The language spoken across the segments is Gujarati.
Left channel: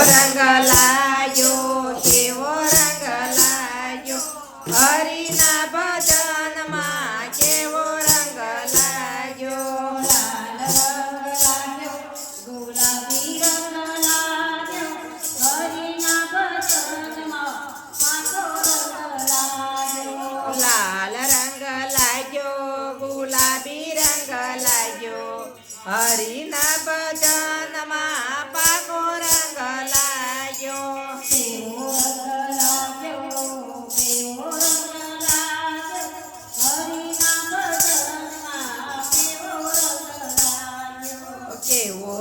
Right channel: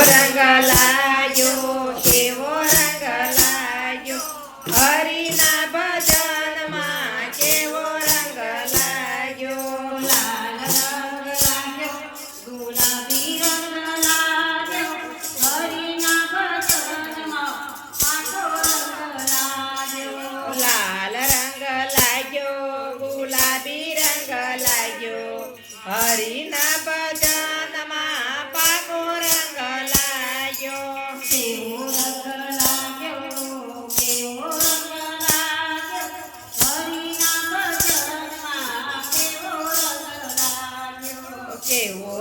રંગ લાગ્યો કેવો રંગ લાગ્યો હરિના ભજનમાં કેવો રંગ લાગ્યો લાલ રંગ લાગ્યો ગુલાબી રંગ લાગ્યો હરિના ભજનમાં આખો રંગ લાગ્યો લાલ રંગ લાગ્યો ગુલાબી રંગ લાગ્યો હરિના ભજનમાં પાકો રંગ લાગ્યો કેવો રંગ લાગ્યો કેવો રંગ લાગ્યો હરિના ભજનમાં કેવો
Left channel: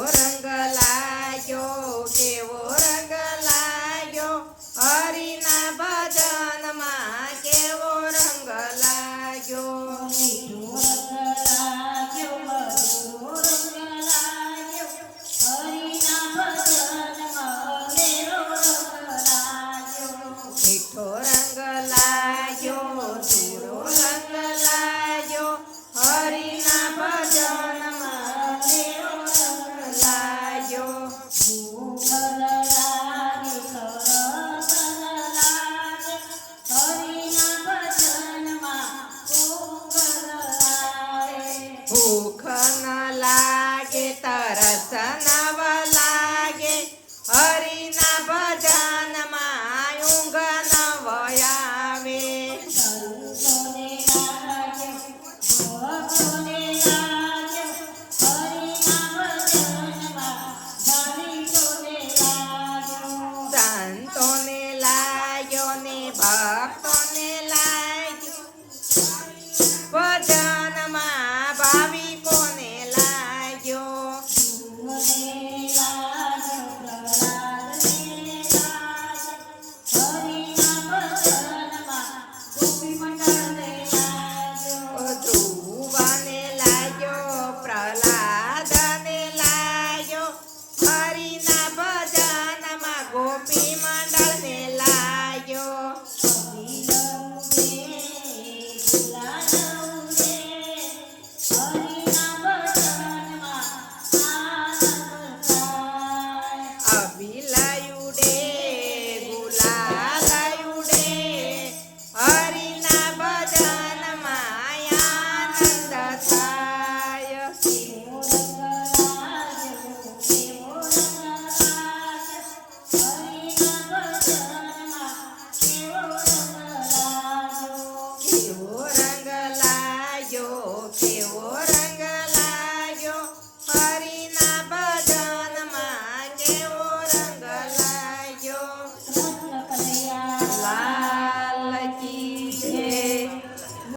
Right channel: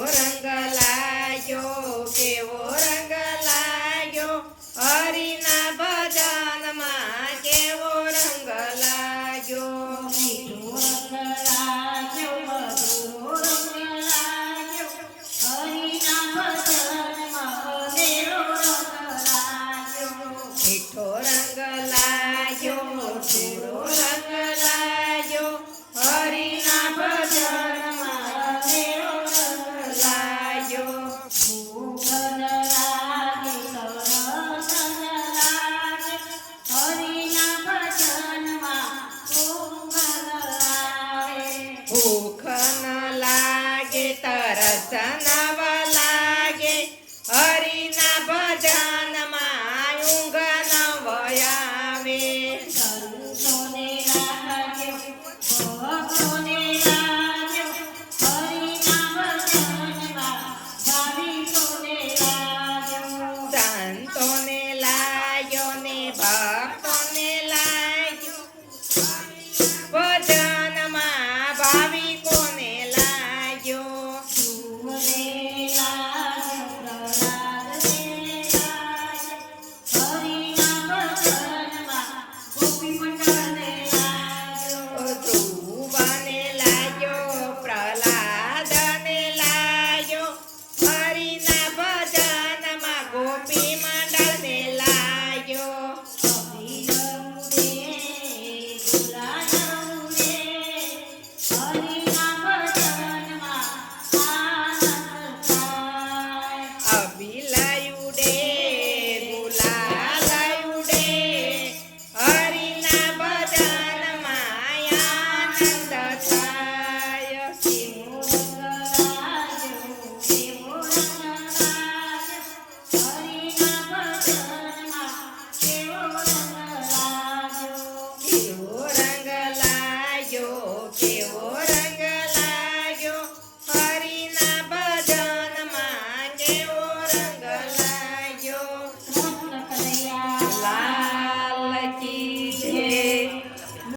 રંગ લાગ્યો કેવો રંગ લાગ્યો હરિના ભજનમાં કેવો રંગ લાગ્યો મીઠો રંગ લાગ્યો મધુરો રંગ લાગ્યો હરિના ભજનમાં મેરો રંગ લાગ્યો મીઠો રંગ લાગ્યો મધુરો રંગ લાગ્યો હરિના ભજનમાં મેરો રંગ લાગ્યો ભૂખન લાગે તરસન લાગે હરિના ભજનમાં ઊંઘન લાગે ભૂખ ન લાગે તરસ નવ લાગે હરિના ભજનમાં ઊંઘ ન આવે સંતોને લાગ્યો ભક્તોને લાગ્યો હરિના ભજનમાં ભાવિકોને લાગ્યો સંતોને લાગ્યો ને ભક્તોને લાગ્યો ભજનમાં ભાવિકોને લાગ્યો ધ્રુવને લાગ્યો પ્રહલાદને લાગ્યો હરિના ભજનમાં ગોપી મંડળને લાગ્યો ધ્રુવને લાગ્યો પ્રહલાદને લાગ્યો હરિના ભજનમાં ગોપી મંડળને લાગ્યો હરિના ભજનમાં આનંદ થાય